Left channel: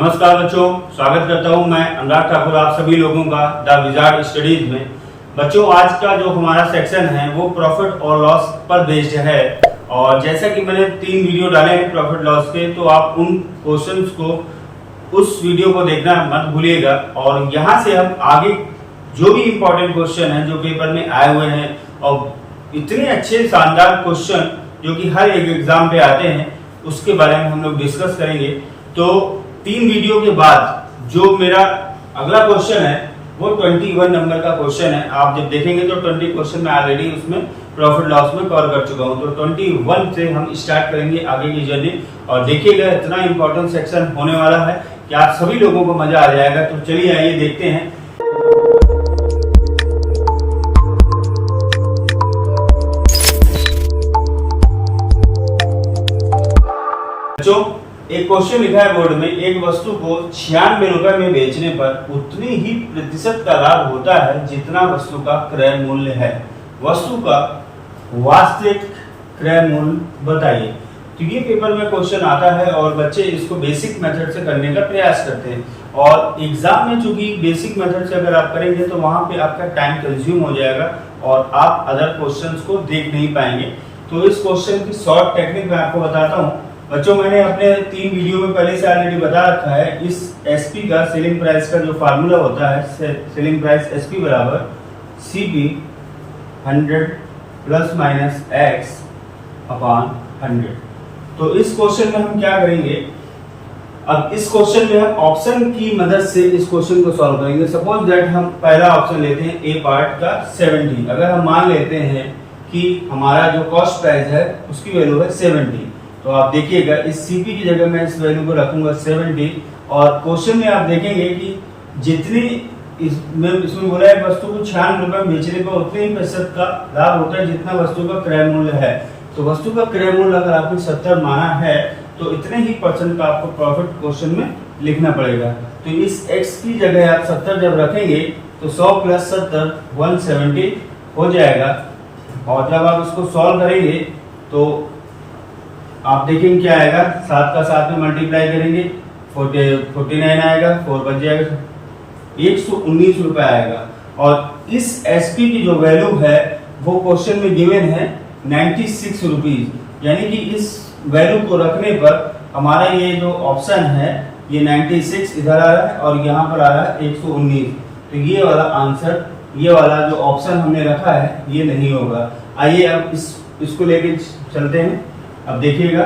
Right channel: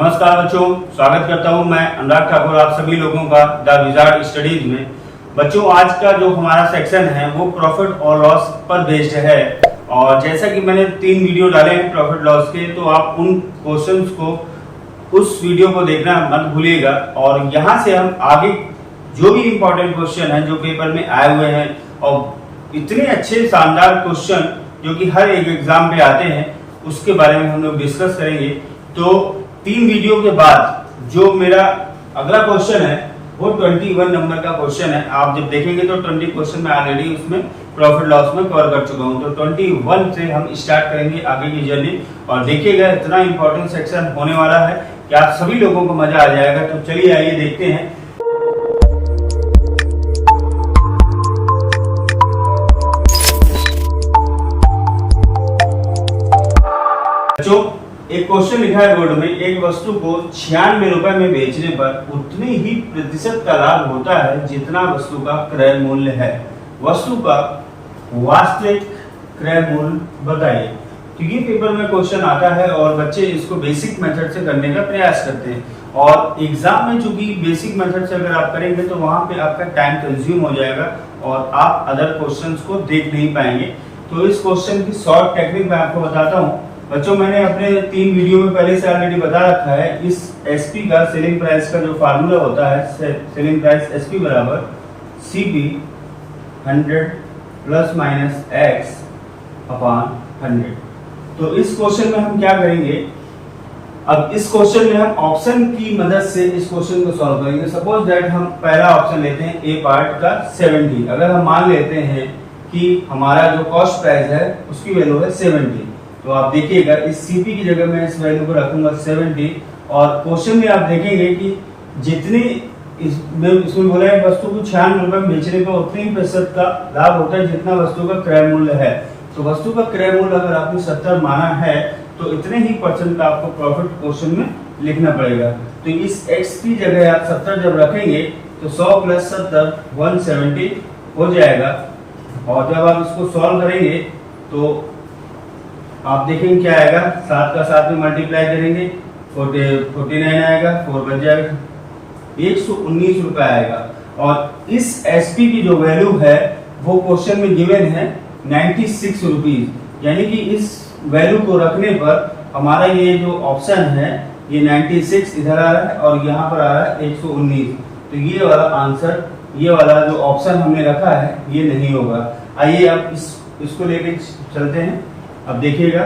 नमस्कार बच्चों, स्वागत करता हूं मैं अनुराग ठाकुर आप सभी लोगों का द विजार्ड स्टडीज में। बच्चों, आज का जो हमारा सेक्शन है वो प्रॉफिट और लॉस पर बेस्ड है। और जैसा कि मैंने 3 वीडियो डाले हैं प्रॉफिट लॉस के, तो आप उन क्वेश्चंस को उस वीडियो को देखना मत भूलिएगा। और यहाँ से हम आगे जो भी इंपॉर्टेंट क्वेश्चन है जो पेपर में आए हुए हैं और इतने अच्छे शानदार क्वेश्चन जो कि हर एक एग्जाम पे आते हैं, उसके बारे में हम लोग डिस्कस करेंगे। तो 3 वीडियो के बाद जो मेरा अगला क्वेश्चन है वो 21 नंबर का क्वेश्चन है। आप जब देखेंगे तो 20 क्वेश्चन मैं ऑलरेडी उसमें प्रॉफिट लॉस में कवर कर चुका हूं। तो 21 से हम स्टार्ट करेंगे आगे की जर्नी। और देखिएगा, इतना इंपॉर्टेंट सेक्शन होने वाला है कि आप सभी लोगों को मजा आ जाएगा। तो चलिए आइए देखते हैं। बच्चों, एक क्वेश्चन लिखा है बोर्ड में, एक वस्तु को 96 रुपए में बेचने पर उतनी ही प्रतिशत का लाभ होता है जितना वस्तु का क्रय मूल्य है। वस्तु का वास्तविक क्रय मूल्य बताइए। तो ये पेपर में क्वेश्चन आता है और बच्चे इसको बेसिक मेथड से करने का प्रयास करते हैं। और एग्जाम में चूंकि बेसिक मेथड से अगर आप करेंगे तो वहां पे आपका टाइम कंज्यूम हो जाएगा और आप अदर क्वेश्चंस को देख नहीं पाएंगे। तो इस क्वेश्चन की शॉर्ट टेक्निक मैं आपको बताता हूँ। बच्चों, मैंने अपने 3 वीडियो में पहले से ऑलरेडी बता रखा है। इस एसपी का सेलिंग प्राइस का जो फार्मूला होता है, सेलिंग प्राइस एसपी बराबर CP 100 plus minus x upon 100। तो इस क्वेश्चन में हम क्या करेंगे, अब इस क्वेश्चन में हम ऑप्शन की मदद से इस क्वेश्चन को सॉल्व करेंगे। सपोज दैट हम पहला ऑप्शन लेते हैं ए पार्ट का 70। अगर हम मान लेते हैं कि हमारा जो कॉस्ट प्राइस है उसकी वैल्यू है 70, तो आप देखिएगा इस सीपी की जगह मैं इस वैल्यू को रखूंगा 70। और क्वेश्चन में आप देखेंगे कि जितनी इसमें बोला है वस्तु को 96 रुपए में बेचने पर उतने ही प्रतिशत का लाभ होता है जितना वस्तु का क्रय मूल्य है। तो वस्तु का क्रय मूल्य अगर आपने 70 माना है तो इतने ही परसेंट का आपको प्रॉफिट क्वेश्चन में लिखना पड़ेगा। तो इस x की जगह आप 70 जब रखेंगे तो 100 प्लस 70 170 हो जाएगा। और जब आप इसको सॉल्व करेंगे तो आप देखेंगे क्या आएगा, 7 का 7 में मल्टीप्लाई करेंगे 49 आएगा, 4 बच जाएगा, 119 रुपए आएगा। और इस एसपी की जो वैल्यू है वो क्वेश्चन में गिवन है 96 रुपीज। यानी कि इस वैल्यू को रखने पर हमारा ये जो ऑप्शन है ये 96 इधर आ रहा है और यहाँ पर आ रहा है 119। तो ये वाला आंसर, ये वाला जो ऑप्शन हमने रखा है ये नहीं होगा। आइए अब इसको लेके चलते हैं। अब देखिएगा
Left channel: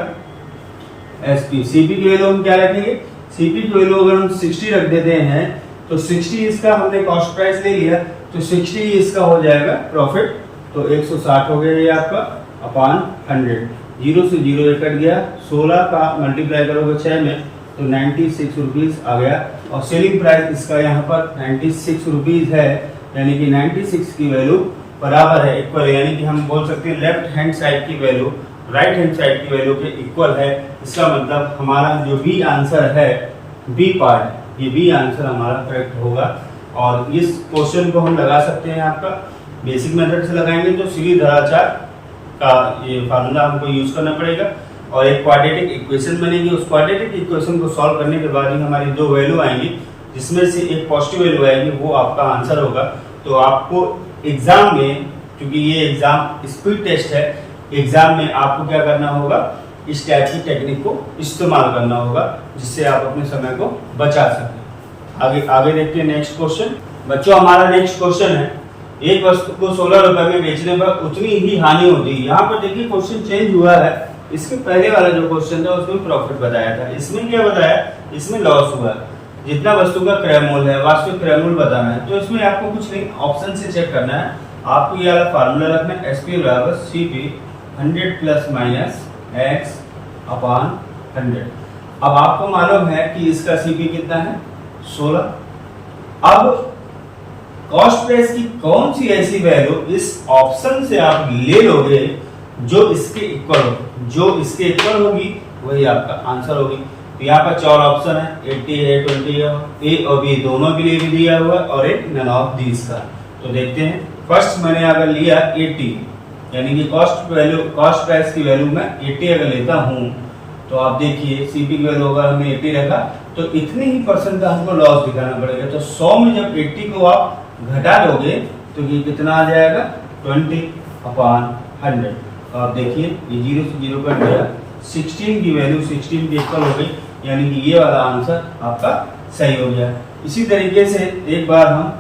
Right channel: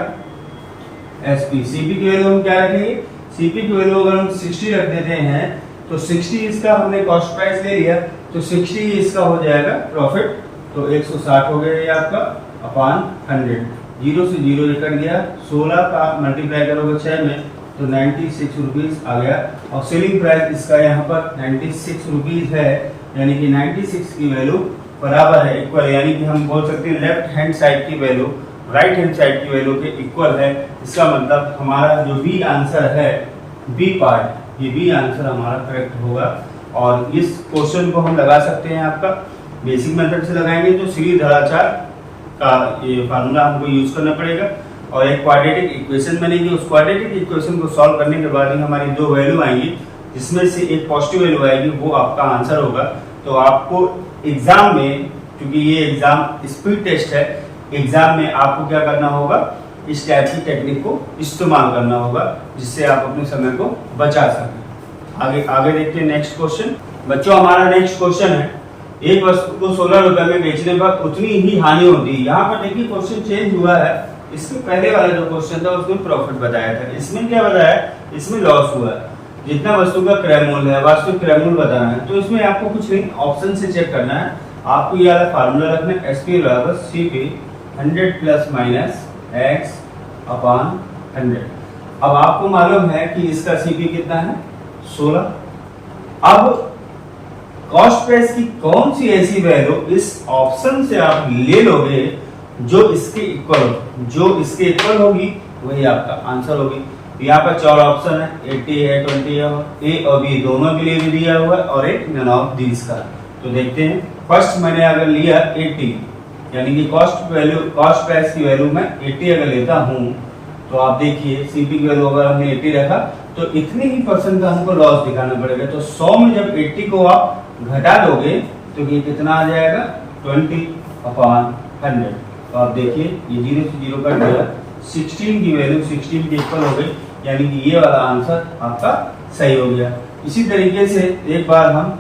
एसपी सीपी की वैल्यू हम क्या रखेंगे, सीपी की वैल्यू अगर हम 60 रख देते हैं तो 60 इसका हमने कॉस्ट प्राइस ले लिया तो 60 इसका हो जाएगा प्रॉफिट। तो 160 हो गया ये आपका अपॉन 100। 0 से 0 ये कट गया, 16 का मल्टीप्लाई करोगे 6 में तो 96 रुपीज आ गया। और सेलिंग प्राइस इसका यहाँ पर 96 रुपीज है, यानी कि 96 की वैल्यू बराबर है, इक्वल, यानी कि हम बोल सकते हैं लेफ्ट हैंड साइड की वैल्यू राइट हैंड साइड की वैल्यू के इक्वल है। इसका मतलब हमारा जो बी आंसर है, बी पार्ट, ये बी आंसर हमारा करेक्ट होगा। और इस क्वेश्चन को हम लगा सकते हैं, आपका बेसिक मेथड से लगाएंगे तो सीधी धराचार का ये फार्मूला हमको यूज करना पड़ेगा और एक क्वाड्रेटिक इक्वेशन बनेगी। उस क्वाड्रेटिक इक्वेशन को सॉल्व करने के बाद ही हमारी 2 वैल्यू आएंगी, जिसमें से एक पॉजिटिव वैल्यू आएगी, वो आपका आंसर होगा। तो आपको एग्जाम में, क्योंकि ये एग्जाम स्पीड टेस्ट है, एग्जाम में आपको क्या करना होगा, इस टाइप की टेक्निक को इस्तेमाल करना होगा जिससे आप अपने समय को बचा सकें। आगे देखते हैं नेक्स्ट क्वेश्चन। बच्चों, हमारा नेक्स्ट क्वेश्चन है, एक वस्तु को 16 रुपए में बेचने पर उतनी ही हानि होती है। यहाँ पर देखिए क्वेश्चन चेंज हुआ है। इसके पहले वाला जो क्वेश्चन था उसमें प्रॉफिट बताया था, इसमें क्या बताया, इसमें लॉस हुआ है। जितना वस्तु का क्रय मूल्य है, वास्तविक क्रय मूल्य बताना है। तो इसमें आपको कुछ नहीं, ऑप्शन से चेक करना है। आपको ये वाला फार्मूला रखना है, एसपी बराबर CP 100 plus minus x upon 100। अब आपको मालूम है कि इसका सीपी कितना है, 16। अब कॉस्ट प्राइस की कौन सी ऐसी वैल्यू इस ऑप्शन से आप ले लोगे जो इसके इक्वल हो, जो इसके इक्वल होगी वही आपका आंसर होगी। यहाँ पर 4 ऑप्शन है, 80 है, 20 है, ए और बी दोनों के लिए भी दिया हुआ है और एक नन ऑफ दीज का। तो देखते हैं, फर्स्ट मैंने अगर लिया 80, यानी कि कॉस्ट प्राइस की वैल्यू मैं 80 अगर लेता हूं तो आप देखिए सीपी की वैल्यू अगर हमने 80 रखा तो इतने ही परसेंट का हमको लॉस दिखाना पड़ेगा। तो 100 में जब 80 को आप घटा दोगे तो ये कितना आ जाएगा 20/100। तो आप देखिए ये 0 से 0 कट गया, 16 की वैल्यू 16 के इक्वल हो गई, यानी कि ये वाला आंसर आपका सही हो गया। इसी तरीके से एक बार हम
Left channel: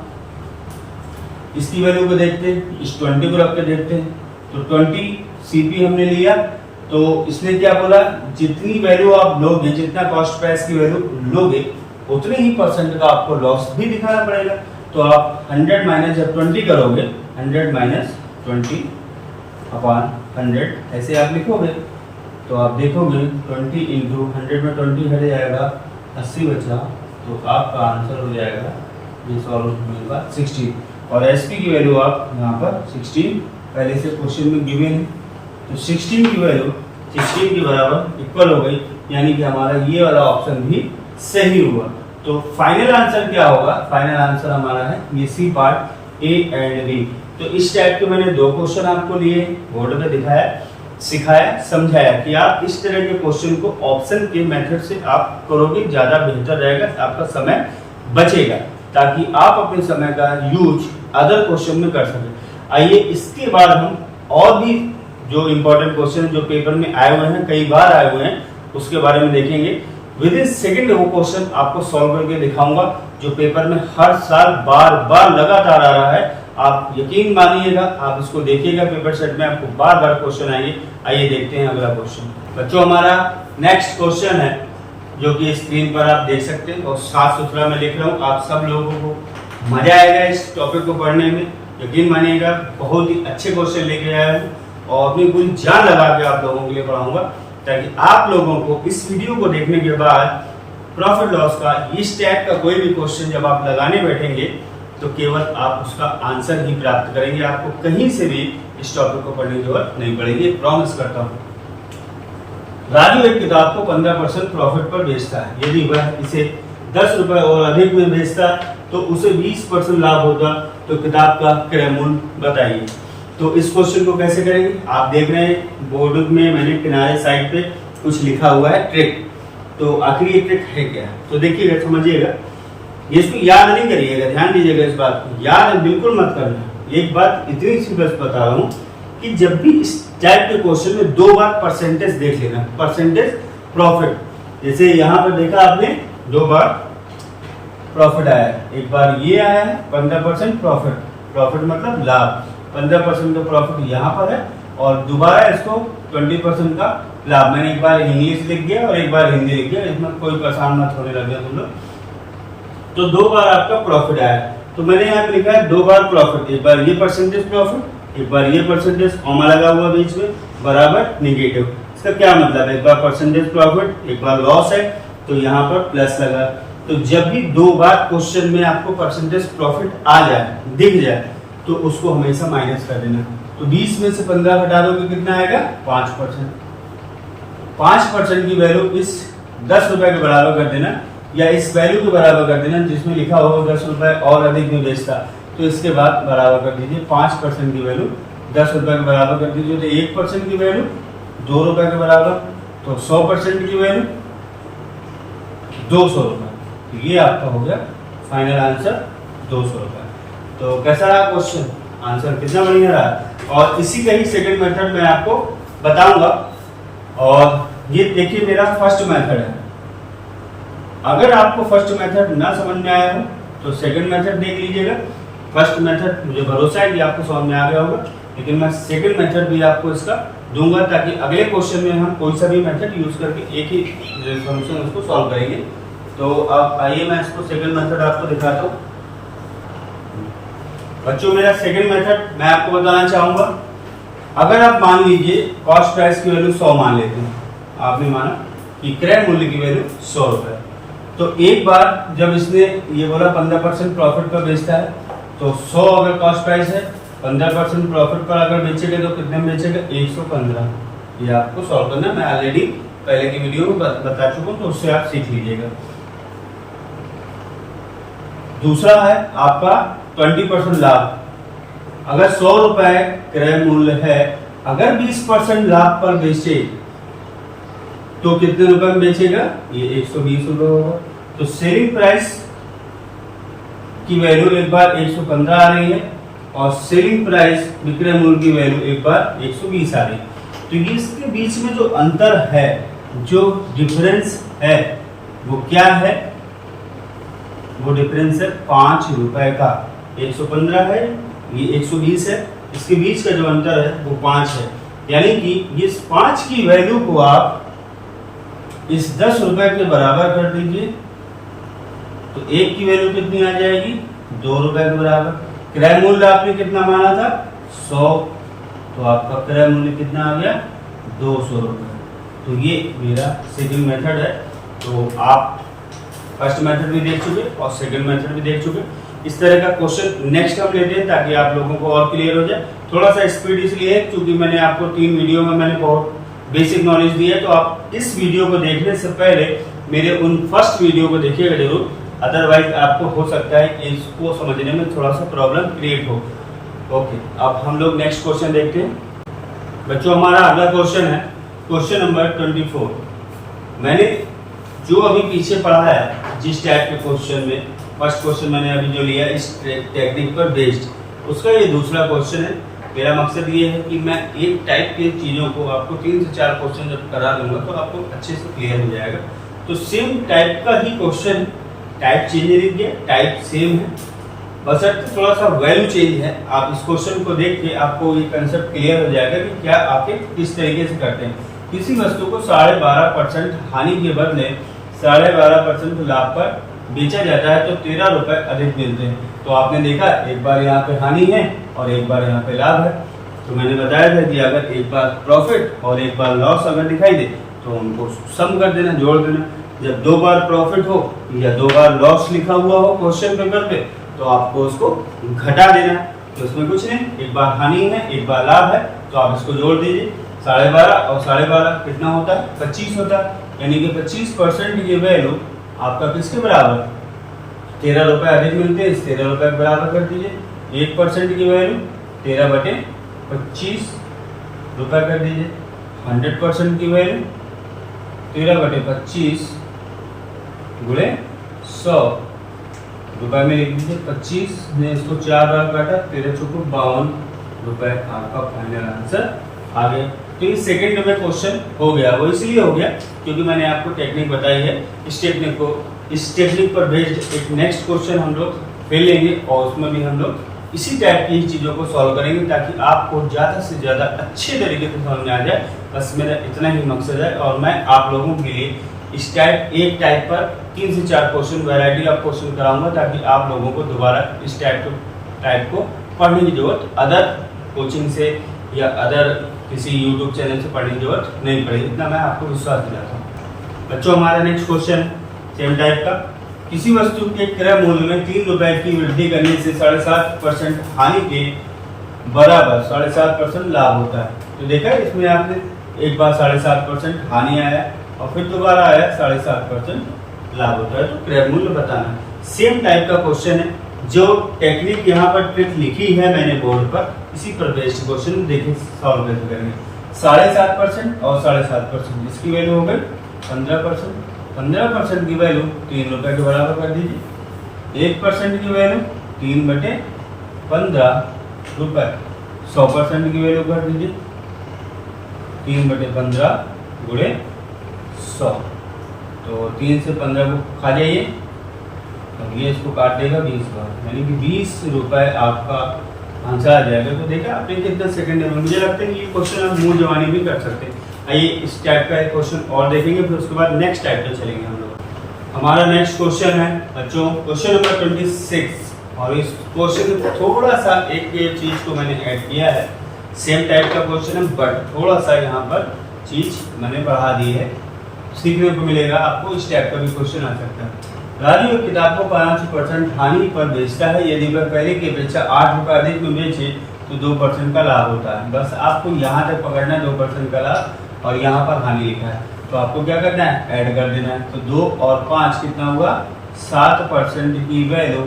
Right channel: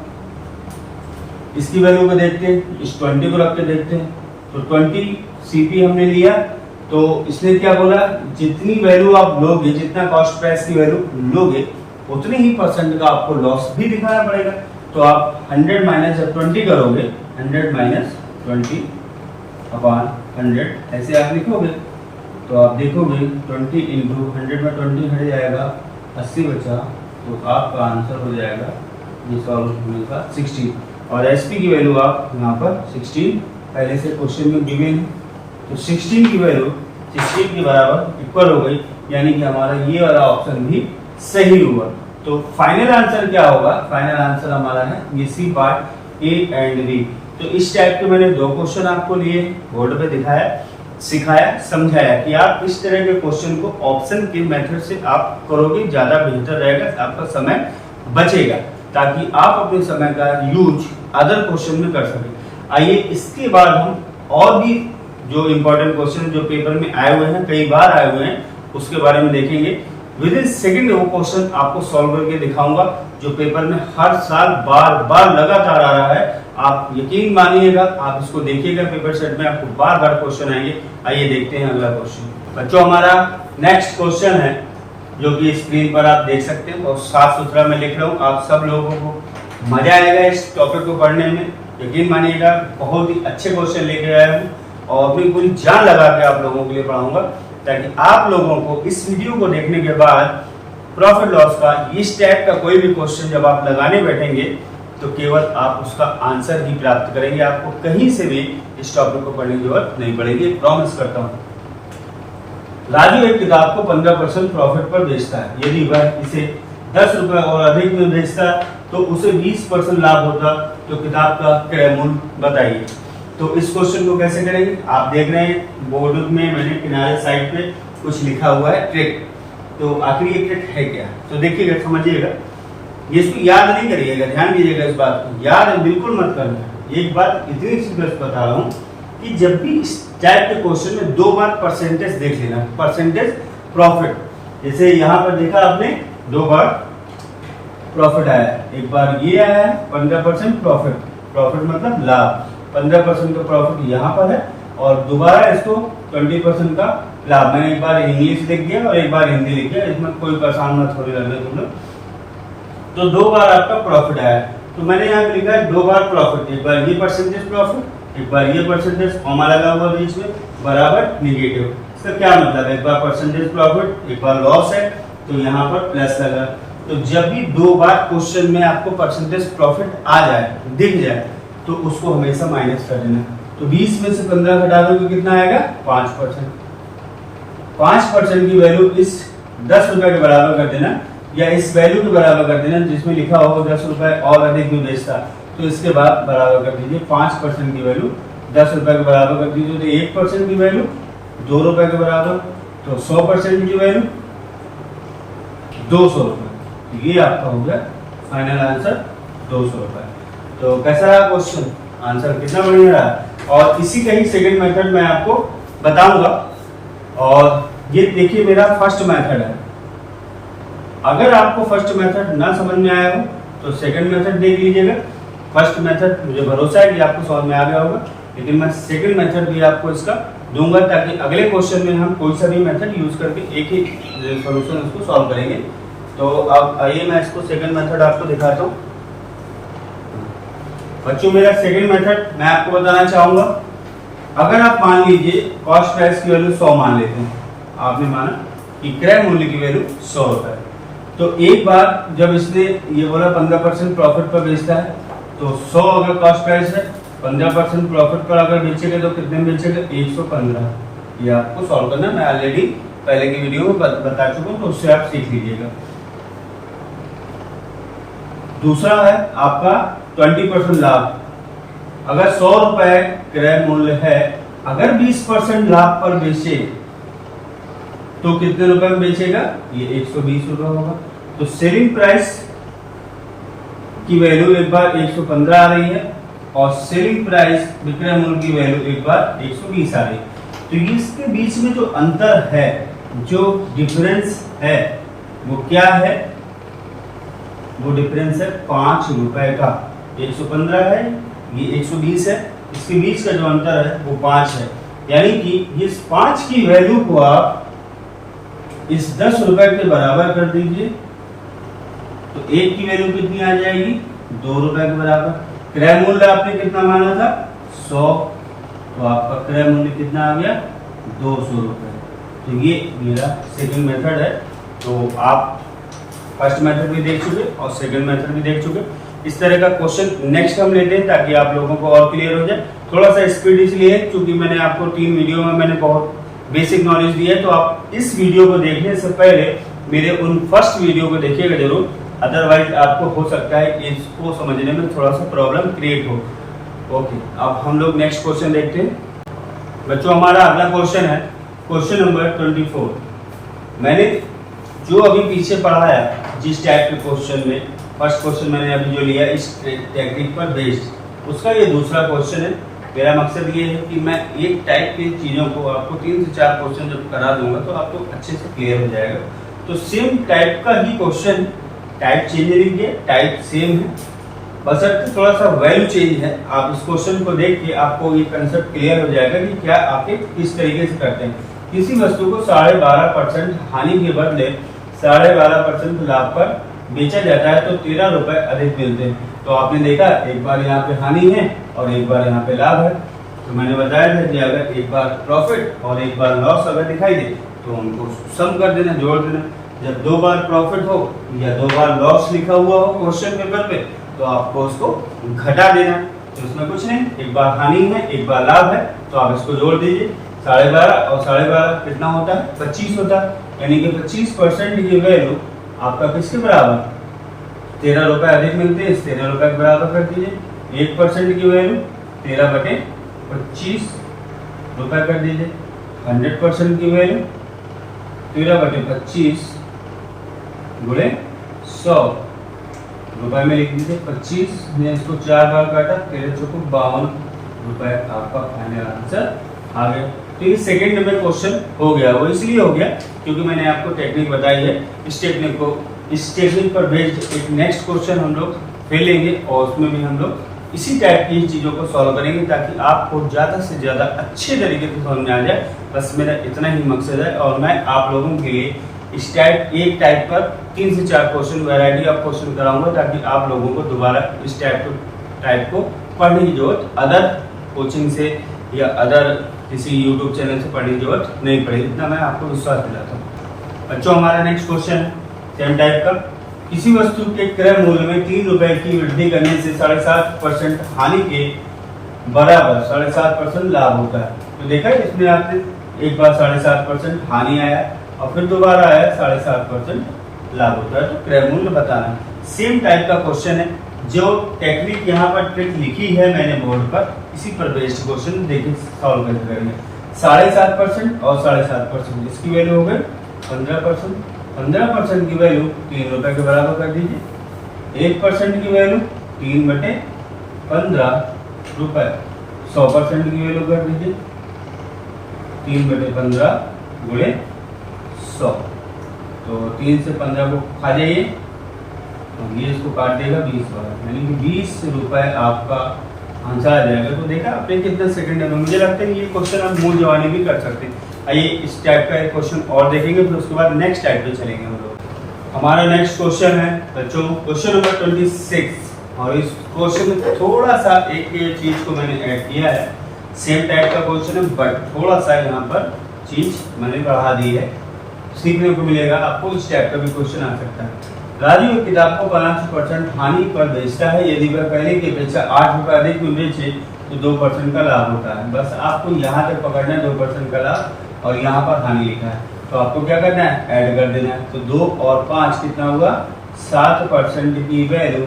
इसकी वैल्यू को देखते हैं, इस 20 को रख के देखते हैं। तो 20 सीपी हमने लिया, तो इसने क्या बोला, जितनी वैल्यू आप लोगे, जितना कॉस्ट प्राइस की वैल्यू लोगे उतने ही परसेंट का आपको लॉस भी दिखाना पड़ेगा। तो आप 100 माइनस जब 20 करोगे, 100 माइनस 20/100 ऐसे आप लिखोगे, तो आप देखोगे 20 इंटू 100 में 20 हट जाएगा, 80 बचा, तो आपका आंसर हो जाएगा ये सॉल्व होने के बाद 16। और एसपी की वैल्यू आप यहाँ पर 16 पहले से क्वेश्चन में गिवन है, तो 16 की वैल्यू 16 के बराबर इक्वल हो गई, यानी कि हमारा ये वाला ऑप्शन भी सही हुआ। तो फाइनल आंसर क्या होगा, फाइनल आंसर हमारा है ये C part A and B. तो इस टाइप के मैंने 2 क्वेश्चन आपको लिए, बोर्ड पे दिखाया, सिखाया, समझाया कि आप इस तरह के क्वेश्चन को ऑप्शन के मेथड से आप करोगे, ज्यादा बेहतर रहेगा, आपका समय बचेगा, ताकि आप अपने समय का यूज अदर क्वेश्चन में कर सकें। आइए इसके बाद हम और भी जो इम्पोर्टेंट क्वेश्चन जो पेपर में आए हुए हैं, कई बार आए हुए हैं, उसके बारे में देखेंगे। विद इन सेकेंड वो क्वेश्चन आपको सॉल्व करके दिखाऊंगा जो पेपर में हर साल बार बार लगातार आ रहा है। आप यकीन मानिएगा, आप इसको देखिएगा, पेपर सेट में आपको बार बार क्वेश्चन आएंगे। आइए देखते हैं अगला क्वेश्चन। बच्चों हमारा नेक्स्ट क्वेश्चन है जो कि स्क्रीन पर आप देख सकते हैं, और साफ सुथरा मैं लिख रहा हूँ, आप सब लोगों को मजा आएगा इस टॉपिक को पढ़ने में, यकीन मानिएगा। बहुत ही अच्छे क्वेश्चन लेके आया हूँ और अपनी पूरी जान लगा के आप लोगों के लिए पढ़ाऊंगा, ताकि आप लोगों को इस वीडियो को देखने के बाद प्रॉफिट लॉस का इस टाइप का कोई भी क्वेश्चन जब आप लगाने बैठेंगे तो केवल आप उसका आंसर ही प्राप्त करेंगे, आपको कहीं से भी इस टॉपिक को पढ़ने की जरूरत नहीं पड़ेगी, प्रॉमिस करता हूँ। राजू एक किताब को 15% प्रॉफिट पर बेचता है, यदि वह इसे 10 रुपए और अधिक में बेचता तो उसे 20% लाभ होता, तो किताब का क्रय मूल्य बताइए। तो इस क्वेश्चन को कैसे करेंगे, आप देख रहे हैं बोर्ड में मैंने किनारे साइड पे कुछ लिखा हुआ है ट्रिक, तो आखिर ये ट्रिक है क्या, तो देखिएगा, समझिएगा, ये इसको याद नहीं करिएगा, ध्यान दीजिएगा इस बात को, याद बिल्कुल मत करना। एक बात इतनी सी बस बता रहा हूँ कि जब भी इस टाइप के क्वेश्चन में 2 बार परसेंटेज देख लेना, परसेंटेज प्रॉफिट, जैसे यहाँ पर देखा आपने 2 बार प्रॉफिट आया, एक बार ये आया 15% प्रॉफिट, प्रॉफिट मतलब लाभ, 15% का प्रॉफिट यहाँ पर है, और दोबारा इसको 20% का लाभ। मैंने एक बार इंग्लिश लिख दिया और एक बार हिंदी लिख दिया, इसमें कोई परेशान मत होने लगे तुम लोग। तो 2 बार आपका प्रॉफिट आया, तो मैंने यहाँ लिखा है 2 बार प्रॉफिट, एक बार ये परसेंटेज प्रॉफिट, एक बार ये परसेंटेज, कॉमा लगा हुआ बीच में, बराबर निगेटिव। इसका क्या मतलब है, एक बार परसेंटेज प्रॉफिट, एक बार लॉस है, तो यहाँ पर प्लस लगा। तो जब भी 2 बार क्वेश्चन में आपको परसेंटेज प्रॉफिट आ जाए, दिख जाए, तो उसको हमेशा माइनस कर देना। तो 20 में से 15 घटा दोगे कितना आएगा, 5%। 5% की वैल्यू इस 10 रुपए के बराबर कर देना, या इस वैल्यू के बराबर कर देना जिसमें लिखा हो 10 रुपए और अधिक में बेचता, तो इसके बाद बराबर कर दीजिए 5% की वैल्यू 10 रुपए के बराबर कर दीजिए, तो 1% की वैल्यू 2 रुपए के बराबर, तो 100% की वैल्यू 200 रुपए। तो ये आपका हो गया फाइनल आंसर 200 रुपए। तो कैसा रहा क्वेश्चन, आंसर कितना बढ़िया रहा, और इसी का ही सेकंड मेथड मैं आपको बताऊंगा। और ये देखिए मेरा फर्स्ट मेथड है, अगर आपको फर्स्ट मेथड ना समझ में आया हो तो सेकंड मेथड देख लीजिएगा। फर्स्ट मेथड मुझे भरोसा है कि आपको समझ में आ गया होगा, लेकिन मैं सेकंड मेथड भी आपको इसका दूंगा, ताकि अगले क्वेश्चन में हम कोई सा भी मेथड यूज करके एक ही सॉल्यूशन उसको सॉल्व करेंगे। तो अब आइए मैं इसको सेकंड मेथड आपको दिखाता हूँ। बच्चों मेरा सेकंड मेथड मैं आपको बताना चाहूंगा, अगर आप मान लीजिए कॉस्ट प्राइस की वैल्यू 100 मान लेते हैं, आपने माना कि क्रय मूल्य की वैल्यू 100 रुपए, तो एक बार जब इसने ये बोला 15% प्रॉफिट पर बेचता है, तो 100 अगर कॉस्ट प्राइस है, 15% प्रॉफिट पर अगर बेचेगा तो कितने में बेचेगा, 115। ये आपको सॉल्व करना, मैं ऑलरेडी पहले की वीडियो में बता चुका हूं, तो उससे आप सीख लीजिएगा। दूसरा है आपका 20% लाभ, अगर 100 रुपए क्रय मूल्य है, अगर 20% लाभ पर बेचे तो कितने रुपए में बेचेगा, ये 120 रुपए होगा। तो सेलिंग प्राइस की वैल्यू एक बार 115 आ रही है और सेलिंग प्राइस विक्रय मूल्य की वैल्यू एक बार 120 आ रही है। तो इसके बीच में जो अंतर है, जो डिफरेंस है, वो क्या है, वो डिफरेंस है 5 रुपए का। 115 है, ये 120 है, इसके बीच का जो अंतर है वो 5 है। यानी कि इस 5 की वैल्यू को आप इस 10 रुपए के बराबर कर दीजिए, तो एक की वैल्यू कितनी आ जाएगी, 2 रुपए के बराबर। क्रय मूल्य आपने कितना माना था, 100, तो आपका क्रय मूल्य कितना आ गया, 200 रुपए। तो ये मेरा सेकंड मेथड है। तो आप फर्स्ट मेथड भी देख चुके और सेकंड मेथड भी देख चुके। इस तरह का क्वेश्चन नेक्स्ट हम लेते हैं ताकि आप लोगों को और क्लियर हो जाए। थोड़ा सा स्पीड इसलिए क्योंकि मैंने आपको 3 वीडियो में मैंने बहुत बेसिक नॉलेज दी है, तो आप इस वीडियो को देखने से पहले मेरे उन फर्स्ट वीडियो को देखिएगा जरूर, अदरवाइज आपको हो सकता है इसको समझने में थोड़ा सा प्रॉब्लम क्रिएट हो। ओके, अब हम लोग नेक्स्ट क्वेश्चन देखते हैं। बच्चों, हमारा अगला क्वेश्चन है क्वेश्चन नंबर 24। मैंने जो अभी पीछे पढ़ाया, जिस टाइप के क्वेश्चन में फर्स्ट क्वेश्चन मैंने अभी जो लिया इस टेक्निक पर बेस्ड, उसका ये दूसरा क्वेश्चन है। मेरा मकसद ये है कि मैं एक टाइप की चीज़ों को आपको 3 से 4 क्वेश्चन जब करा दूंगा तो आपको अच्छे से क्लियर हो जाएगा। तो सेम टाइप का ही क्वेश्चन, टाइप चेंज नहीं किया, टाइप सेम है, बस थोड़ा सा वैल्यू चेंज है। आप इस क्वेश्चन को देख के आपको ये कंसेप्ट क्लियर हो जाएगा कि क्या आप किस तरीके से करते हैं। किसी वस्तु को 12.5% हानि के बदले 12.5% लाभ पर बेचा जाता है तो 13 रुपए अधिक मिलते हैं। तो आपने देखा एक बार यहाँ पे हानि है और एक बार यहाँ पे लाभ है। तो मैंने बताया था कि अगर एक बार प्रॉफिट और एक बार लॉस अगर दिखाई दे तो उनको सम कर देना, जोड़ देना। जब 2 बार प्रॉफिट हो या 2 बार लॉस लिखा हुआ हो क्वेश्चन पेपर पे तो आपको उसको घटा देना। तो इसमें कुछ नहीं, एक बार हानि है एक बार लाभ है, तो आप इसको जोड़ दीजिए। 12.5 और 12.5 कितना होता है, 25 होता है। यानी कि 25% की वैल्यू आपका किसके बराबर, 13 रुपए अधिक मिलते हैं, इस 13 रुपए के बराबर कर दीजिए। 1% की वैल्यू 13/25 रुपए कर दीजिए। 100% की वैल्यू 13/25 गुणे 100 रुपए में लिख दीजिए। 25 ने इसको 4 बार काटा, 13 चौको 52 रुपए आपका फाइनल आंसर आ गया। तो ये सेकंड नंबर क्वेश्चन हो गया। वो इसलिए हो गया क्योंकि मैंने आपको टेक्निक बताई है। इस टेक्निक पर बेस्ड एक नेक्स्ट क्वेश्चन हम लोग फिर लेंगे और उसमें भी हम लोग इसी टाइप की चीजों को सॉल्व करेंगे ताकि आपको ज्यादा से ज्यादा अच्छे तरीके से समझ में आ जाए। बस मेरा इतना ही मकसद है और मैं आप लोगों के लिए इस एक टाइप पर 3 से 4 क्वेश्चन, वैरायटी ऑफ क्वेश्चन कराऊंगा ताकि आप लोगों को दोबारा इस टाइप को पढ़ने की जरूरत अदर कोचिंग से या अदर किसी यूट्यूब चैनल से पढ़ने की जरूरत नहीं पड़ेगी। इतना मैं आपको विश्वास दिलाता हूँ। बच्चों, हमारा नेक्स्ट क्वेश्चन है सेम टाइप का। किसी वस्तु के क्रय मूल्य में 3 रुपए की वृद्धि करने से 7.5% हानि के बराबर 7.5% लाभ होता है। तो देखा है इसमें आपने एक बार 7.5% हानि आया और फिर दोबारा आया 7.5% लाभ होता है। तो क्रय मूल्य बताना है। सेम टाइप का क्वेश्चन है। जो टेक्निक यहाँ पर ट्रिक लिखी है मैंने बोर्ड पर, इसी पर बेस्ड क्वेश्चन देखिए सॉल्व कैसे करेंगे। 7.5% और 7.5%, इसकी वैल्यू हो गई 15%। 15% की वैल्यू 3 रुपए के बराबर कर दीजिए। 1% की वैल्यू 3/15 रुपए। 100% की वैल्यू कर दीजिए 3/15 गुणे 100। तो 3 से 15 को खा जाइए और ये इसको काट देगा 20 बार, यानी कि 20 रुपए आपका आंसर आ जाएगा। तो देखा आपने कितने सेकंड में। मुझे लगता है कि ये क्वेश्चन आप मूल जवानी भी कर सकते हैं। आइए इस टाइप का एक क्वेश्चन और देखेंगे, फिर उसके बाद नेक्स्ट टाइप पे चलेंगे हम लोग। हमारा नेक्स्ट क्वेश्चन है बच्चों क्वेश्चन नंबर 26 और इस क्वेश्चन में थोड़ा सा एक चीज को मैंने ऐड किया है। सेम टाइप का क्वेश्चन है बट थोड़ा सा यहाँ पर चीज मैंने बढ़ा दी है, सीखने को मिलेगा आपको। इस टाइप का भी क्वेश्चन आ सकता है। राजू एक किताब को 5% हानि पर बेचता है। यदि वह पहले की अपेक्षा 8 रुपए अधिक में बेचे तो 2% का लाभ होता है। बस आपको यहाँ तक पकड़ना है 2% का लाभ और यहाँ पर हानि लिखा है। तो आपको क्या करना है, ऐड कर देना है। तो 2 और 5 कितना हुआ, 7% की वैल्यू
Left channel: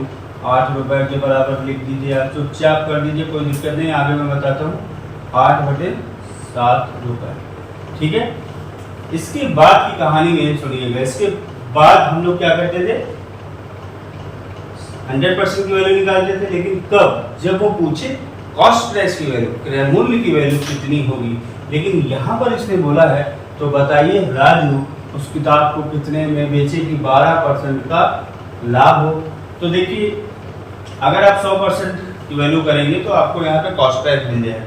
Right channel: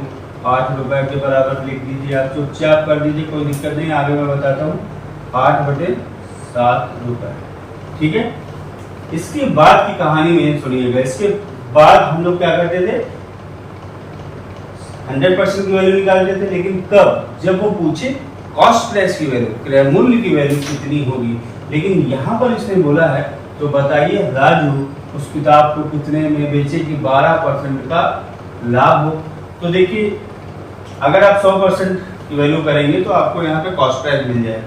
8 रुपए के बराबर लिख दीजिए। आप चुपचाप कर दीजिए, कोई दिक्कत नहीं, आगे मैं बताता हूँ। 8/7 रुपए, ठीक है। इसके बाद की कहानी में सुनिएगा। इसके बाद हम लोग क्या करते थे, 100% की वैल्यू निकालते थे, लेकिन कब, जब वो पूछे कॉस्ट प्राइस की वैल्यू, क्रय मूल्य की वैल्यू कितनी होगी। लेकिन यहाँ पर इसने बोला है तो बताइए राजू उस किताब को कितने में बेचे कि 12% का लाभ हो। तो देखिए अगर आप 100% की वैल्यू करेंगे तो आपको यहाँ पे कॉस्ट प्राइस मिल जाएगा,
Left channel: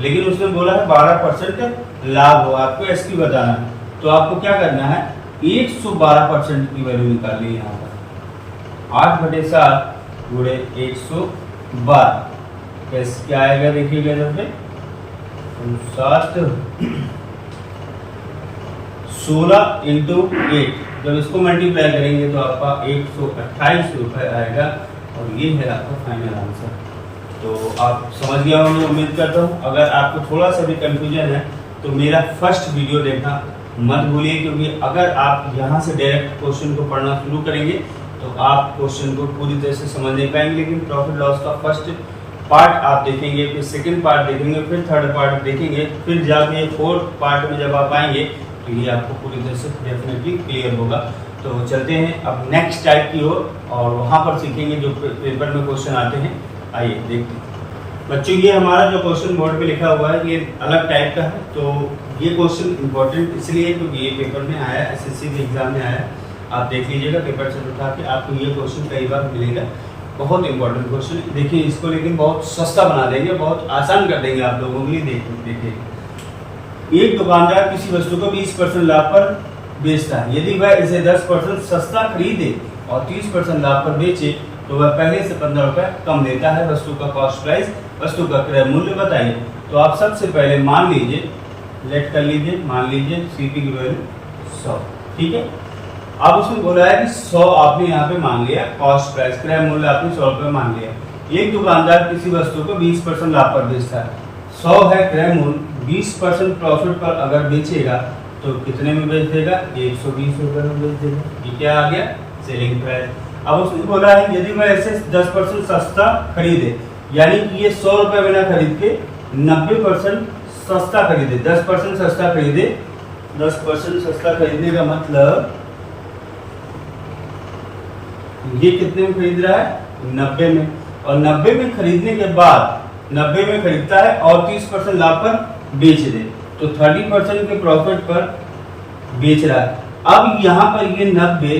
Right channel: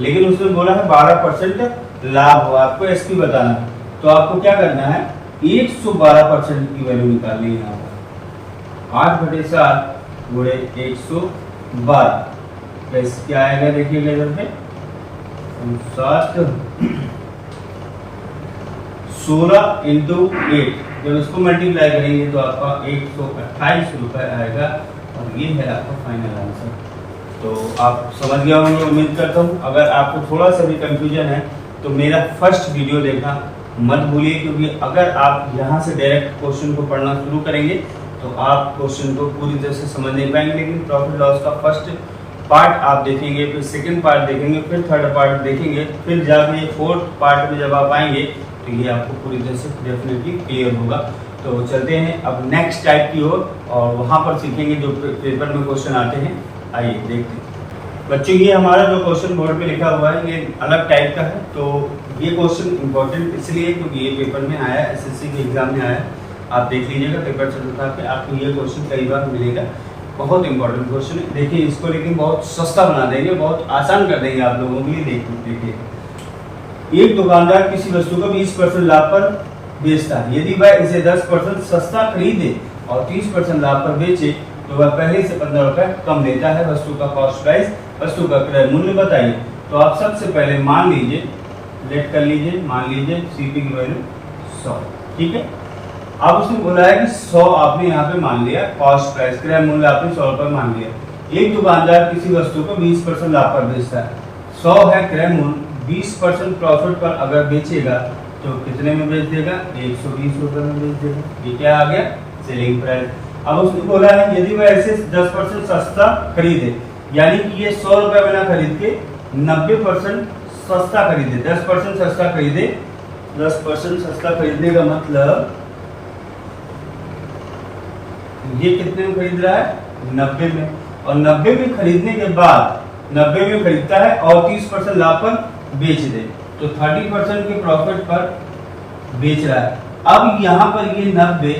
लेकिन उसने बोला है 12% लाभ हो, आपको एसपी बताना है। तो आपको क्या करना है, 112% की वैल्यू निकालनी है। यहाँ पर 8/7 गुणे 112 कैसे क्या आएगा, देखिएगा इधर पे 16 इंटू 8, जब इसको मल्टीप्लाई करेंगे तो आपका 128 रुपए आएगा, और ये है आपका फाइनल आंसर। तो आप समझ गए होंगे, उम्मीद करता हूँ। अगर आपको थोड़ा सा भी कंफ्यूजन है तो मेरा फर्स्ट वीडियो देखना मत भूलिए, क्योंकि अगर आप यहाँ से डायरेक्ट क्वेश्चन को पढ़ना शुरू करेंगे तो आप क्वेश्चन को पूरी तरह से समझ नहीं पाएंगे। लेकिन प्रॉफिट लॉस का फर्स्ट पार्ट आप देखेंगे, फिर सेकंड पार्ट देखेंगे, फिर थर्ड पार्ट देखेंगे, फिर जाके फोर्थ पार्ट में जब आप आएंगे तो ये आपको पूरी तरह से डेफिनेटली क्लियर होगा। तो चलते हैं अब नेक्स्ट टाइप की ओर, और वहाँ पर सीखेंगे जो पेपर में क्वेश्चन आते हैं। आइए देखते हैं बच्चों, ये हमारा जो क्वेश्चन बोर्ड पे लिखा हुआ है ये अलग टाइप का है। तो ये क्वेश्चन इंपॉर्टेंट इसलिए क्योंकि ये पेपर में आया है, एसएससी के एग्जाम में आया है। आप देख लीजिएगा पेपर से उठा के, आपको ये क्वेश्चन कई बार मिलेगा। बहुत इंपॉर्टेंट क्वेश्चन है। देखिए इसको लेकिन बहुत सस्ता बना देंगे, बहुत आसान कर देंगे आप लोगों के लिए। देखिए एक दुकानदार किसी वस्तु को 20% लाभ पर बेचता है। यदि वह इसे 10% सस्ता खरीदे और 30% लाभ पर बेचे तो वह पहले से 15 रुपए कम देता है। वस्तु का कॉस्ट प्राइस, वस्तु का क्रय मूल्य बताइए। तो आप सबसे पहले मान लीजिए, लेट कर लीजिए, मान लीजिए सीपी की वैल्यू 100, ठीक है। अब उसने बोला है कि 100 आपने यहाँ पे मान लिया, कॉस्ट प्राइस क्रय मूल्य आपने 100 रुपए मान लिया। एक दुकानदार किसी वस्तु को 20% लाभ पर बेचता है, 100 है क्रय मूल्य, 20% प्रॉफिट पर अगर बेचेगा तो कितने में बेच देगा, 120 रुपए में बेच देगा। ये क्या आ गया, सेलिंग प्राइस। अब उसने बोला है यदि वह ऐसे 10% सस्ता खरीदे, यानी कि ये 100 रुपए में ना खरीद के 90% सस्ता खरीदे, 10% सस्ता खरीदे। 10% सस्ता खरीदने का मतलब ये कितने में खरीद रहा है, 90 में। और 90 में खरीदने के बाद 90 में खरीदता है और 30% लाभ पर बेच दे, तो 30% के प्रॉफिट पर बेच रहा है। अब यहाँ पर ये 90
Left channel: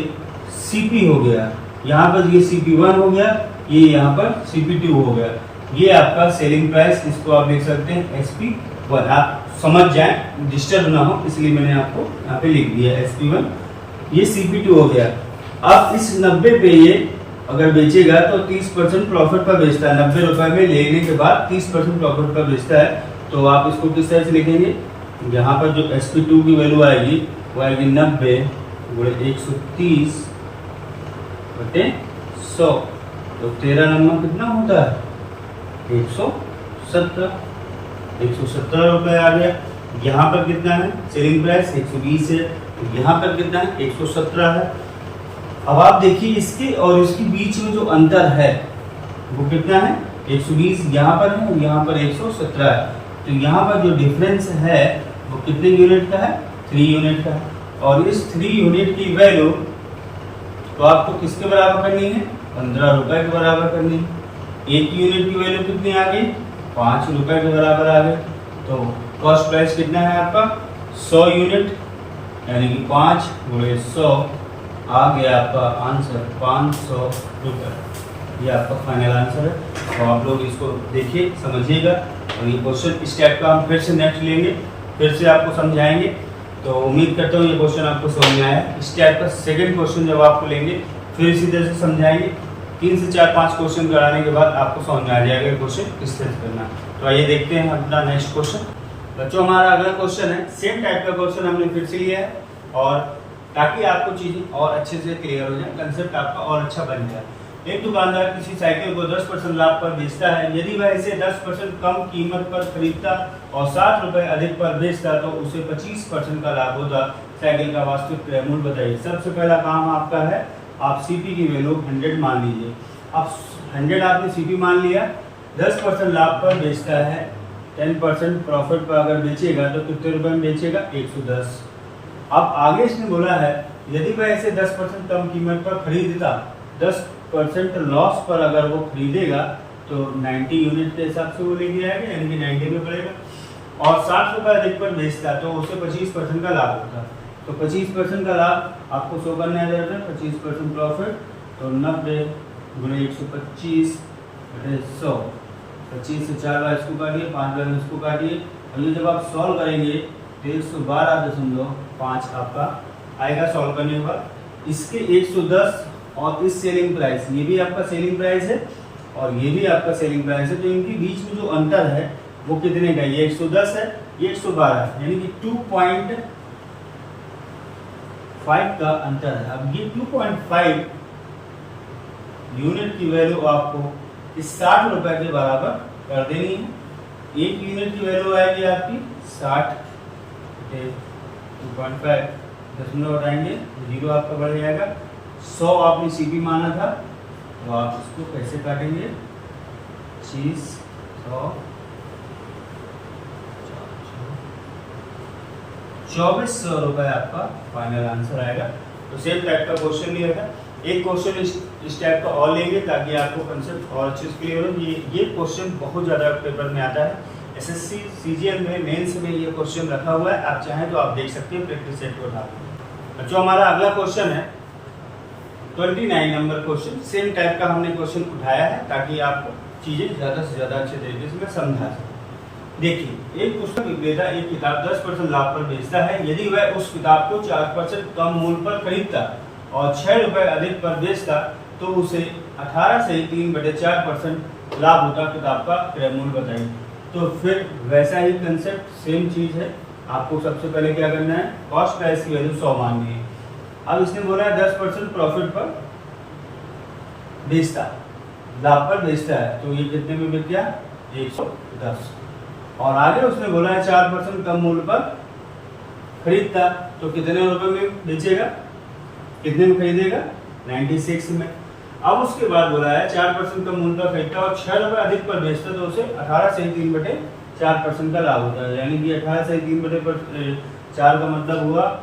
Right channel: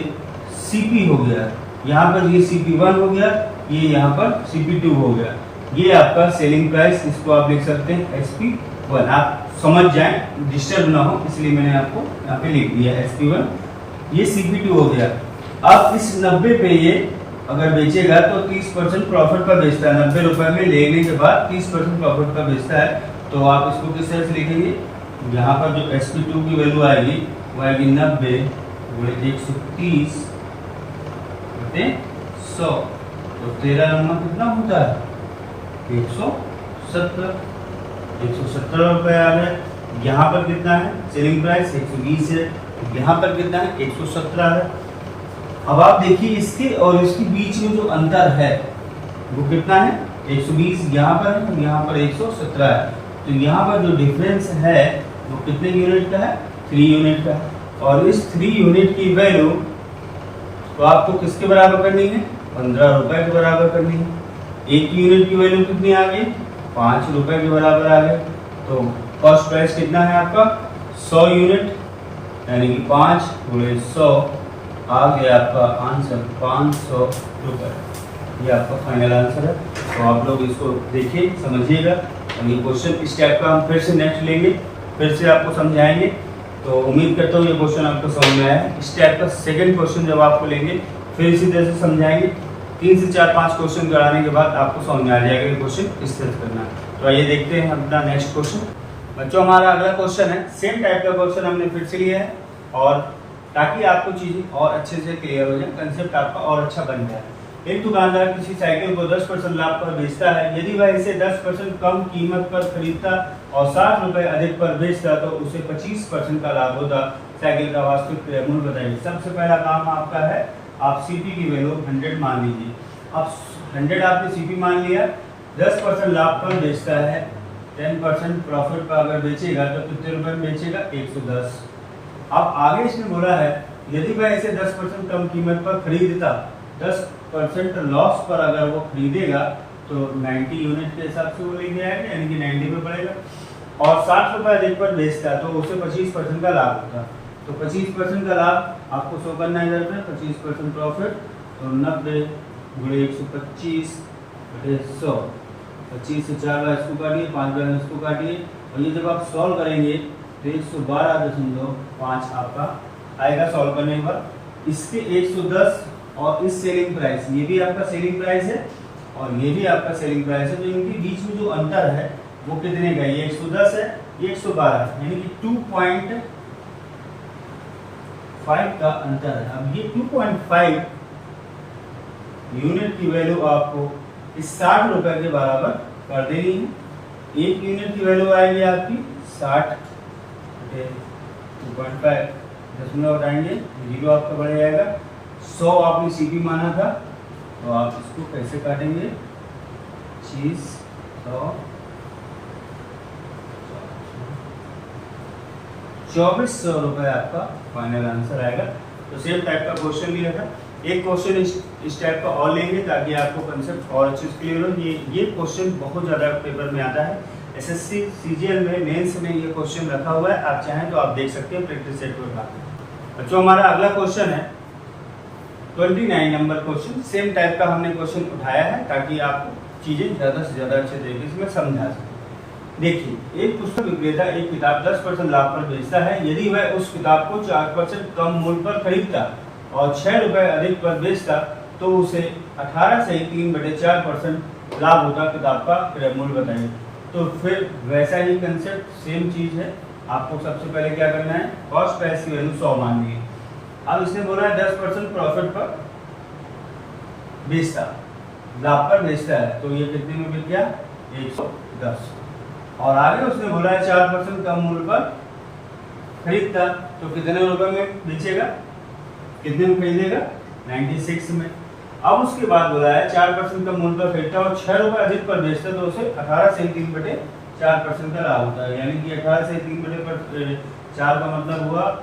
सीपी हो गया, यहाँ पर ये CP1 हो गया, ये यहाँ पर CP2 हो गया। ये आपका सेलिंग प्राइस, इसको आप लिख सकते हैं SP1। आप समझ जाएं, डिस्टर्ब ना हो, इसलिए मैंने आपको यहाँ पे लिख दिया SP1। ये CP2 हो गया। अब इस 90 पे ये अगर बेचेगा तो 30% प्रॉफिट पर बेचता है। 90 रुपए में लेने के बाद 30% प्रॉफिट पर बेचता है। तो आप इसको किस तरह से लिखेंगे, यहाँ पर जो SP2 की वैल्यू आएगी वो आएगी 90 गुणे 130 बटे 100, तो 13 नंबर कितना होता है, 117 रुपए आ गया। यहाँ पर कितना है, सेलिंग प्राइस 120 है, यहाँ पर कितना है, 117 है। अब आप देखिए इसके और इसके बीच में जो अंतर है वो कितना है, 120 यहाँ पर है और यहाँ पर 117 है। तो यहाँ पर जो डिफरेंस है वो कितने यूनिट का है, 3 यूनिट का है। और इस 3 यूनिट की वैल्यू तो आपको किसके बराबर करनी है, 15 रुपए के बराबर करनी है। एक यूनिट की वैल्यू कितनी आ गई, 5 रुपए के बराबर आ गई। तो कॉस्ट प्राइस कितना है आपका, 100 यूनिट, यानी कि 5 गुणे 100 आ गया आपका आंसर 500 रुपए। ये आपका फाइनल आंसर है। तो आप लोग इसको देखिए, समझिएगा, और ये क्वेश्चन इस टाइप का हम फिर से नेक्स्ट लेंगे, फिर से आपको समझाएंगे। तो उम्मीद करता हूँ ये क्वेश्चन आपको समझ में आया। इस टाइप का सेकंड क्वेश्चन जब आपको लेंगे फिर इसी तरह से समझाएंगे। 3 से 4-5 क्वेश्चन कराने के बाद आपको समझ में आ जाएगा क्वेश्चन किस तरह से करना है। तो आइए देखते हैं अपना नेक्स्ट क्वेश्चन। बच्चों हमारा अगला क्वेश्चन है, सेम टाइप का क्वेश्चन हमने फिर से लिया है, और ताकि आपको चीजें और अच्छे से क्लियर हो जाए, कंसेप्ट आपका और अच्छा बन जाए। एक दुकानदार किसी साइकिल को 10% लाभ पर बेचता है। यदि वह इसे 10% कम कीमत पर खरीदता और 60 रुपए अधिक पर बेचता तो उसे 25% का लाभ होता। साइकिल का वास्तविक क्रय मूल्य बताइए। सबसे पहला काम आपका है, आप सीपी की वैल्यू 100 मान लीजिए। अब 100 आपने सीपी मान लिया, 10% लाभ पर बेचता है, 10% प्रॉफिट पर अगर बेचेगा तो कितने रुपए में बेचेगा, 110। अब आगे इसने बोला है यदि वह इसे 10% कम कीमत पर खरीदता, 10% लॉस पर अगर वो खरीदेगा तो 90 यूनिट के हिसाब से वो लेके आएगा, यानी कि 90 में पड़ेगा, और 60 रुपए अधिक पर बेचता तो उसे 25% का लाभ होता। तो 25% का लाभ आपको शो करना है इधर पे, 25% प्रॉफिट, तो 90 गुणे 125 बटे 100, 25 से 4 बार इसको काटिए, 5 बार इसको काटिए, और ये जब आप सॉल्व करेंगे तो 112.5 आपका आएगा सॉल्व करने के बाद। इसके 110 और इस सेलिंग प्राइस, ये भी आपका सेलिंग प्राइस है और ये भी आपका सेलिंग प्राइस है, तो इनके बीच में जो अंतर है वो कितने का, ये 110 है, ये 112 है, यानी कि 2.5 का अंतर है। अब ये 2.5 यूनिट की वैल्यू आपको इस 60 रुपए के बराबर कर देनी है। एक यूनिट की वैल्यू आएगी आपकी 60, 2.5 दशमलव हटाएंगे, 0 आपका बढ़ जाएगा। 100 आपने सीपी माना था, तो आप इसको कैसे काटेंगे, 25, 100, 2400 रुपए आपका फाइनल आंसर आएगा। तो सेम टाइप का क्वेश्चन भी है, एक क्वेश्चन इस टाइप का और लेंगे ताकि आपको कंसेप्ट और अच्छे से क्लियर हो। ये क्वेश्चन बहुत ज़्यादा पेपर में आता है, एसएससी सीजीएल में मेंस में ये क्वेश्चन रखा हुआ है, आप चाहें तो आप देख सकते हैं प्रैक्टिस सेट को उठा कर। जो हमारा अगला क्वेश्चन है 29 नंबर क्वेश्चन, सेम टाइप का हमने क्वेश्चन उठाया है ताकि आपको चीज़ें ज़्यादा से ज़्यादा अच्छे तरीके से मैं समझा सकूँ। देखिए, एक पुस्तक विक्रेता एक किताब 10% लाभ पर बेचता है। यदि वह उस किताब को 4% कम मूल्य पर खरीदता और 6 रुपए अधिक पर बेचता तो उसे 18 से 3/4% लाभ होता। किताब का क्रय मूल्य बताइए। तो फिर वैसा ही कंसेप्ट सेम चीज है, आपको सबसे पहले क्या करना है, कॉस्ट प्राइस की वैल्यू 100 माननी है। अब इसने बोला है 10% प्रॉफिट पर बेचता, लाभ पर बेचता है, तो ये कितने में बिक गया, 110। और आगे उसने बोला है 4% कम मूल्य पर खरीदता, तो कितने रुपए में बेचेगा, कितने में खरीदेगा, 96 में। अब उसके बाद बोला है 4% कम मूल्य पर खरीदता और 6 रुपए अधिक पर बेचता तो उसे 18 से 3/4% का लाभ होता है। यानी कि 18 से 3/4 का मतलब हुआ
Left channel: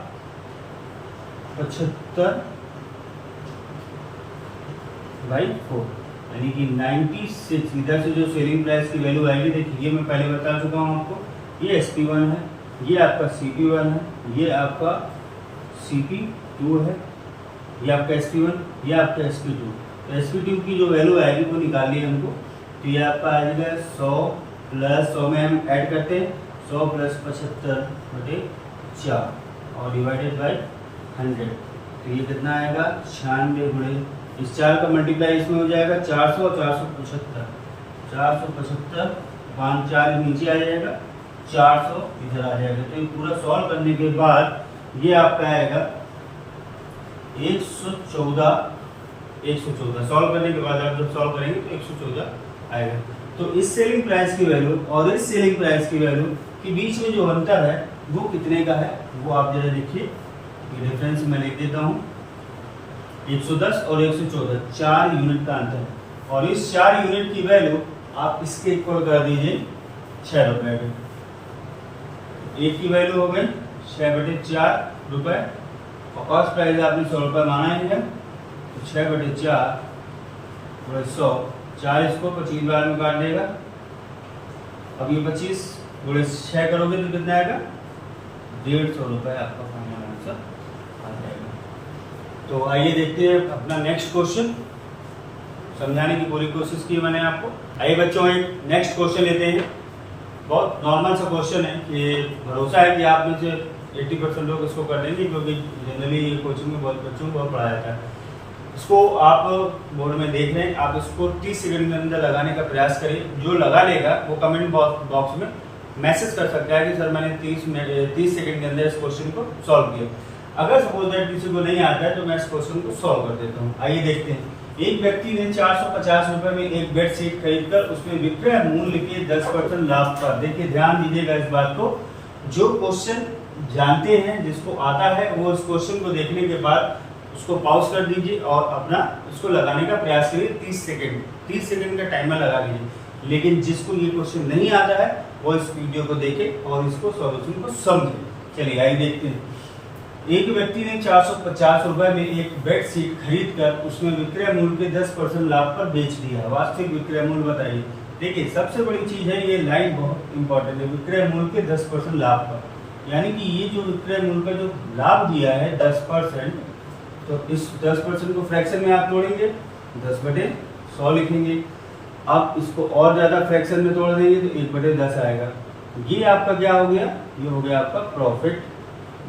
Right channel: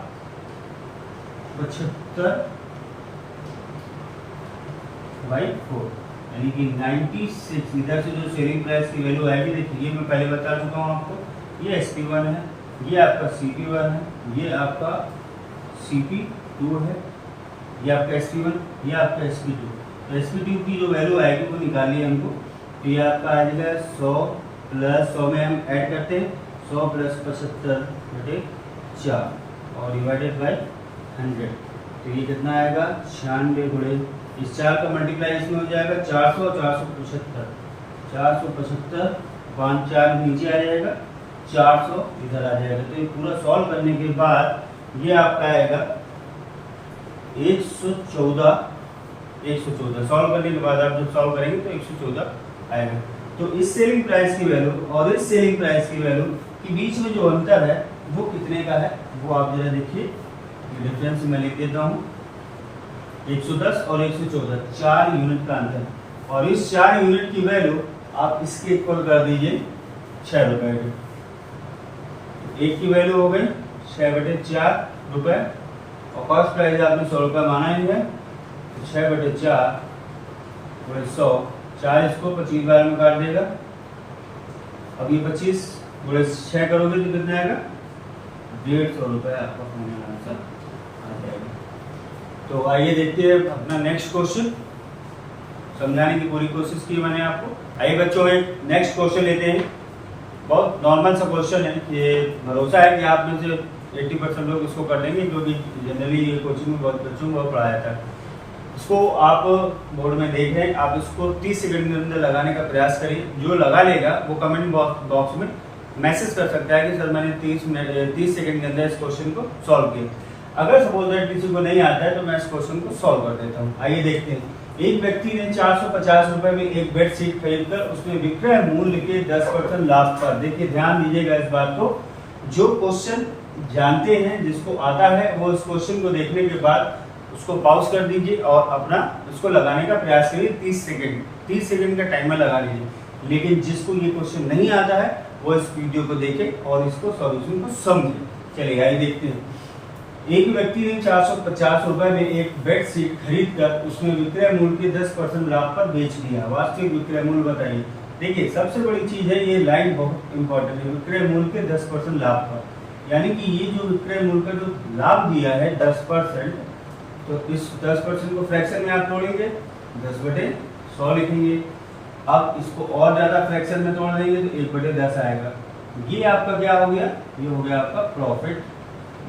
75/4, यानी कि 96। इधर से जो सेलिंग प्राइस की वैल्यू आएगी, देखिए मैं पहले बता चुका हूँ आपको, ये SP1 है, ये आपका CP1 है, ये आपका CP2 है, ये आपका SP1, ये आपका SP2। तो SP2 की जो वैल्यू आएगी वो निकालनी है हमको, तो ये आपका आ जाएगा 100 प्लस 100 में हम ऐड करते हैं 100 प्लस 75/4 और डिवाइडेड बाय 100, तो ये कितना आएगा 96 गुणे इस 4 का मल्टीप्लाई इसमें हो जाएगा 400 और 475, 475/4 नीचे आ जाएगा, 400 इधर आ जाएगा। तो ये पूरा सॉल्व करने के बाद ये आपका आएगा 114 सॉल्व करने के बाद आप जब सॉल्व करेंगे तो 114 आएगा। तो इस सेलिंग प्राइस की वैल्यू और इस सेलिंग प्राइस की वैल्यू के बीच में जो अंतर है वो कितने का है, वो आप जरा देखिए। ये डिफरेंस मैं लिख देता हूँ, 110 और 114, 4 यूनिट का अंतर है। और इस 4 यूनिट की वैल्यू आप इसके इक्वल कर दीजिए 6 रुपए की। एक की वैल्यू हो गई 6/4 रुपए और कॉस्ट प्राइस आपने 100 रुपए माना ही है, 6/4 100, 4 इसको 25 बार में काट देगा। अब ये 25 गुणे 6 करोगे तो कितना आएगा, 150 रुपए आपका फाइनल आंसर आ जाएगा। तो आइए देखते हैं अपना नेक्स्ट क्वेश्चन, समझाने की पूरी कोशिश की मैंने आपको। आइए बच्चों एक नेक्स्ट क्वेश्चन लेते हैं। बहुत नॉर्मल सा क्वेश्चन है, ये भरोसा है कि आप में से 80% लोग इसको कर लेंगे, क्योंकि जनरली ये कोचिंग में बहुत बच्चों को बहुत पढ़ाया जाता है। इसको आप बोर्ड में देख रहे हैं, आप इसको 30 सेकंड के अंदर लगाने का प्रयास करिए। जो लगा लेगा वो कमेंट बॉक्स में मैसेज कर सकता है कि सर मैंने 30 सेकंड के अंदर इस क्वेश्चन को सॉल्व किया। अगर सपोज दैट किसी को नहीं आता है तो मैं इस क्वेश्चन को सॉल्व कर देता हूँ। आइए देखते हैं। एक व्यक्ति ने 450 रुपए में एक बेडशीट खरीदकर उसमें विक्रय मूल्य के 10% लाभ पर, देखिए ध्यान दीजिएगा इस बात को, जो क्वेश्चन जानते हैं, जिसको आता है, वो इस क्वेश्चन को देखने के बाद उसको पॉज कर दीजिए और अपना उसको लगाने का प्रयास करिए। 30 सेकंड का टाइमर लगा लीजिए। लेकिन जिसको ये क्वेश्चन नहीं आता है वो इस वीडियो को देखे और इसको सॉल्यूशन को समझे। चलिए आइए देखते हैं। एक व्यक्ति ने 450 रुपए में एक बेडशीट खरीद कर उसमें विक्रय मूल्य के 10% लाभ पर बेच दिया। वास्तविक विक्रय मूल्य बताइए। देखिए सबसे बड़ी चीज है, ये लाइन बहुत इंपॉर्टेंट है, विक्रय मूल्य के 10% लाभ पर। यानी कि ये जो विक्रय मूल्य का जो लाभ दिया है 10%, तो इस 10% को फ्रैक्शन में आप तोड़ेंगे, 10/100 लिखेंगे। आप इसको और ज्यादा फ्रैक्शन में तोड़ देंगे तो 1/10 आएगा। ये आपका क्या हो गया, ये हो गया आपका प्रॉफिट।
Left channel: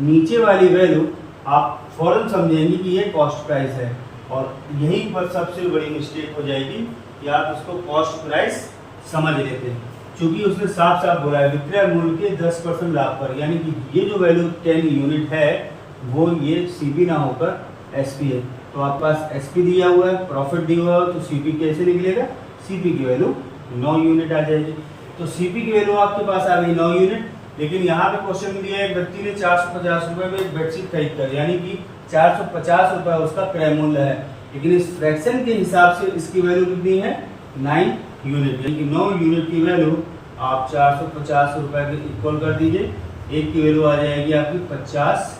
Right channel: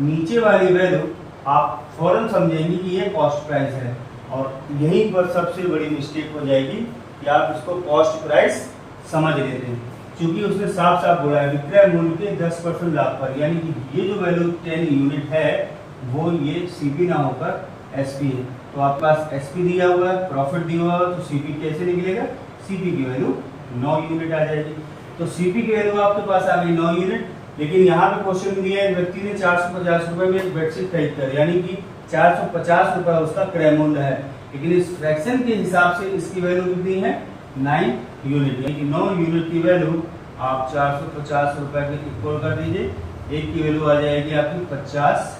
नीचे वाली वैल्यू आप फौरन समझेंगे कि ये कॉस्ट प्राइस है, और यहीं पर सबसे बड़ी मिस्टेक हो जाएगी कि आप इसको कॉस्ट प्राइस समझ लेते हैं, क्योंकि उसने साफ साफ बोला है विक्रय मूल्य के 10% लाभ पर। यानी कि ये जो वैल्यू 10 यूनिट है वो ये सीपी ना होकर एसपी है। तो आपके पास एसपी दिया हुआ है, प्रॉफिट दिया हुआ है, तो सीपी कैसे निकलेगा, सीपी की वैल्यू 9 यूनिट आ जाएगी। तो सीपी की वैल्यू आपके पास आ गई 9 यूनिट। लेकिन यहाँ पे क्वेश्चन दिया है व्यक्ति ने 450 रुपए में एक बेडशीट खरीद कर, यानी कि 450 रुपए उसका क्रय मूल्य है, लेकिन इस फ्रैक्शन के हिसाब से इसकी वैल्यू कितनी है, 9 यूनिट। यानी कि 9 यूनिट की वैल्यू आप 450 रुपए के इक्वल कर दीजिए, एक की वैल्यू आ जाएगी आपकी 50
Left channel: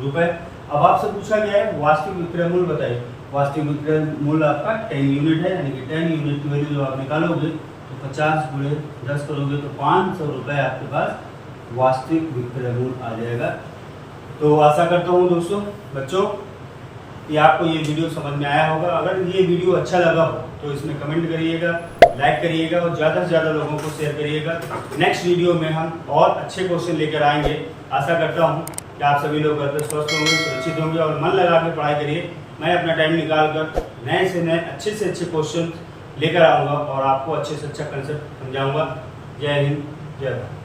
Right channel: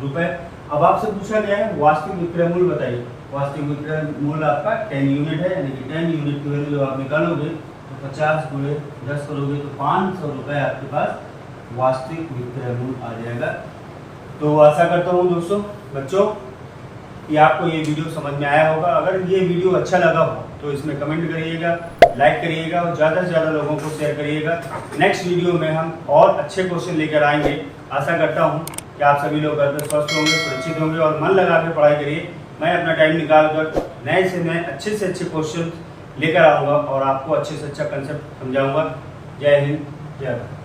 रुपए। अब आपसे पूछा गया है वास्तविक विक्रय मूल्य बताइए। वास्तविक विक्रय मूल्य आपका 10 यूनिट है, यानी कि 10 यूनिट की वैल्यू जब आप निकालोगे तो 50 गुणे 10 करोगे तो 500 रुपए आपके पास वास्तविक विक्रय मूल्य आ जाएगा। तो आशा करता हूँ दोस्तों बच्चों कि आपको ये वीडियो समझ में आया होगा। अगर ये वीडियो अच्छा लगा हो तो इसमें कमेंट करिएगा, लाइक करिएगा और ज़्यादा से ज़्यादा लोगों को शेयर करिएगा। नेक्स्ट वीडियो में हम और अच्छे क्वेश्चन लेकर आएंगे। आशा करता हूँ कि आप सभी लोग घर पे स्वस्थ होंगे, सुरक्षित होंगे और मन लगा के पढ़ाई करिए। मैं अपना टाइम निकाल कर नए से नए अच्छे से अच्छे क्वेश्चन लेकर आऊँगा और आपको अच्छे से अच्छा कंसेप्ट समझाऊँगा। जय हिंद, जय भारत।